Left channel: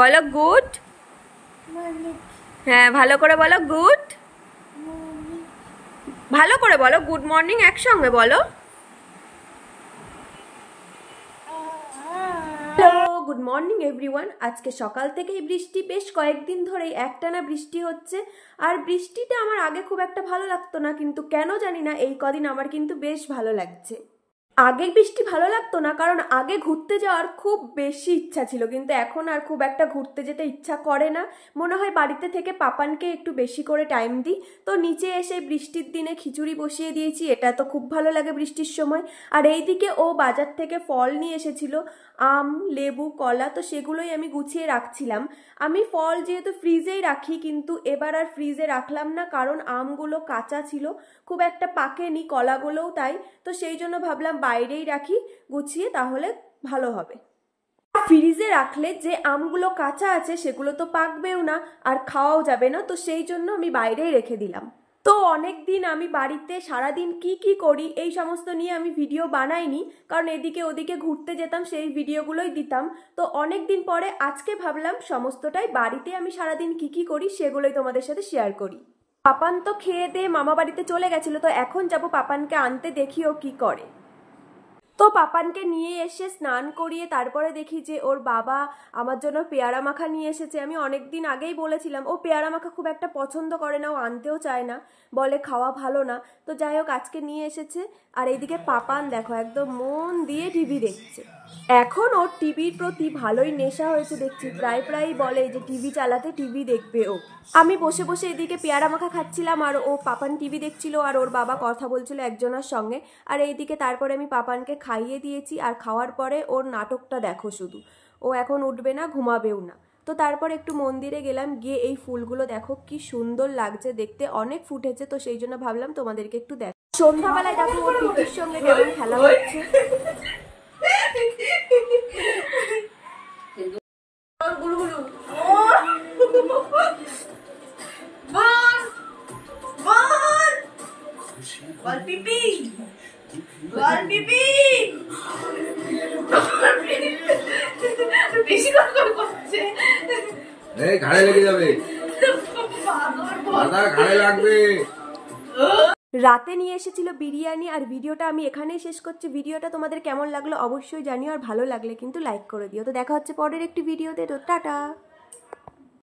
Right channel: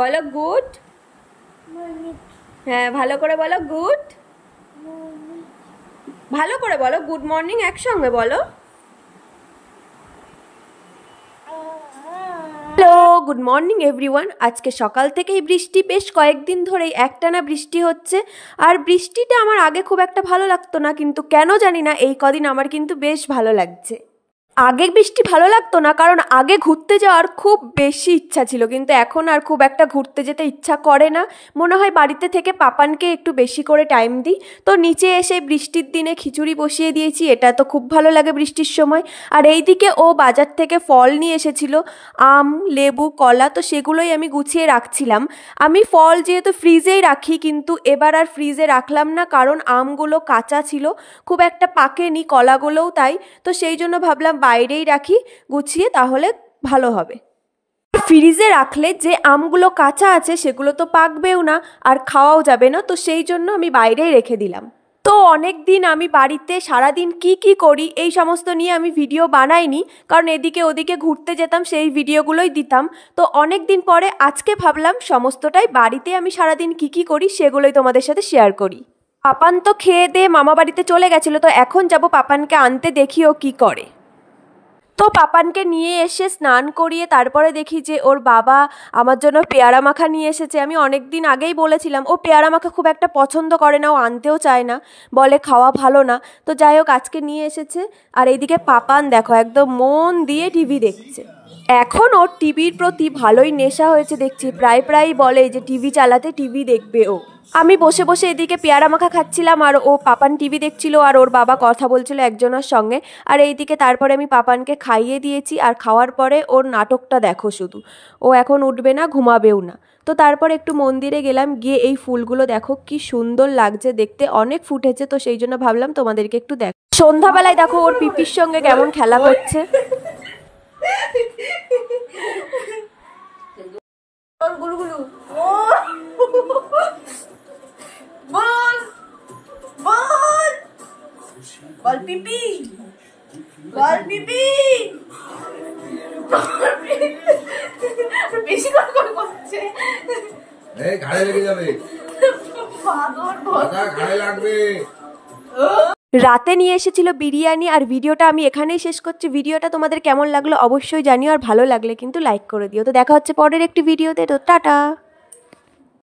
বলো গুড। হ্যাঁ, ভালো করে বলো গুড। ভালো করে বলো গুড মর্নিং, একসঙ্গে বলো। Hello, good morning everyone. আজকে সকাল থেকেই বৃষ্টি, বেশ কয়েকদিন ধরেই একটানা বৃষ্টি হচ্ছে। আর বৃষ্টিটা আমার আগে খুব একটা ভালো লাগতো না, কিন্তু কেন জানি না এই কদিন আমার কিন্তু বেশ ভালো লাগছে। আগে বৃষ্টি ভালো লাগতো না, কারণ আগে ঘুরতে যাওয়ার খুব বেশি ইচ্ছা ছিল, কিন্তু এখন আর খুব একটা ঘুরতে যেতে ইচ্ছা করে না। মনে হয় বাড়িতে থেকে পাপানকে একটু বেশি করে টাইম দিই। তো নিচে এসে বৃষ্টির দিনে খিচুড়ি বসিয়ে দিয়েছি, এটা তো খুব ভালো লাগে বৃষ্টির সময়। আর এইদিকে ও বাজার থেকে ফল নিয়ে এসেছিল, আম, লেবু, কলা, তো সেগুলোই আমি গুছিয়ে রাখছিলাম। আমি ফল যেহেতু ফ্রিজেই রাখি, কিন্তু এবার আর ফ্রিজে রাখলাম না, কারণ আমগুলো কাঁচা ছিল, খুব একটা পাকেনি, কলাগুলোও তাই। তো সেই জন্য ভাবলাম বাইরেই রাখি গুছিয়ে, তাহলে ভালো হবে। ফ্রিজে রাখলে যে আমগুলো কাঁচা আছে সেগুলো তো পাকবেও না, আর খাওয়াও যাবে না, তো সেই জন্য আমি বাইরেই রেখে দিলাম। তো অনেক দিন আমি বাড়িতে সারাদিন কি করি এই সমস্ত নিয়ে আমি ভিডিও বানাইনি, কারণ এদিকে ওদিকে ঘুরতে যেতাম, সেই ভিডিওগুলোই দিতাম। তো অনেক দিন পরে আজকে ভাবলাম সমস্তটাই বাড়িতে আমি সারাদিন কি করি সেগুলোই তোমাদের সাথে শেয়ার করি। পাপান তো খেয়ে দিয়ে মামা বাড়িতে চলে গেছিলো, তো এখন যাব পাপানকে আনতে, দেখি ও কী করে। তো পাপানকে নিয়ে এসে স্নান করিয়ে তারপরে দেখি যে ওর বাবা আমার জন্য পেয়ারা মাখা নিয়ে এসেছে। আমি অনেক দিন আগেই বলেছিলাম ও পেয়ারা মাখা খুব একটা পছন্দ করে না, ও আনতেও চায় না, বলে খাওয়া ভালো না। তো যাই হোক আজকে নিয়ে এসেছে। আর এইদিকে পাপান দেখো একদম মন দিয়ে টিভি দেখছে। এখন ওর টিভির প্রতি ভালোই নেশা হয়েছে দেখছি, প্রায় বলে যে টিভি চালাতে, টিভি দেখবে ও। আমি বসে বসে এদিকে পেয়ারা মাখা খাচ্ছিলাম, আর ও পাপান টিভি দেখছিল, আর ওর বাবা কথা বলছিল একজনের সঙ্গে। আর এইদিকে তারপরে আমি পাপানকে খাইয়ে দিয়েছি, আর খাওয়ার পরে ওর নাটকটা দেখো শুধু, ও এখন উঠবে না, ঘুমাবেও না। তো তারপর একটু মন্দিরে গেলাম, গিয়ে এই ফুলগুলো দেখো কি সুন্দর লাগছে দেখতে, অনেক ফুটেছে, তো সেই জন্য ভাবলাম তোমাদেরকে একটু দেখ। সন্ধ্যাবেলায় দেখো ওর পিপির সঙ্গে কেমন খেলা করছে। ঘাড়ে লেগে যাবে, ঘাড়ে লাগবে। রাতে নিয়ে এসেছিল বিরিয়ানি, আর ভিডিওটা আমি এখানেই শেষ করছি। ভিডিওটা তোমাদের কেমন লাগলো অবশ্যই জানিও, আর ভালো লাগলে কিন্তু লাইক করে দিও। তো দেখা হচ্ছে পরের একটি ভিডিওতে, তো টাটা।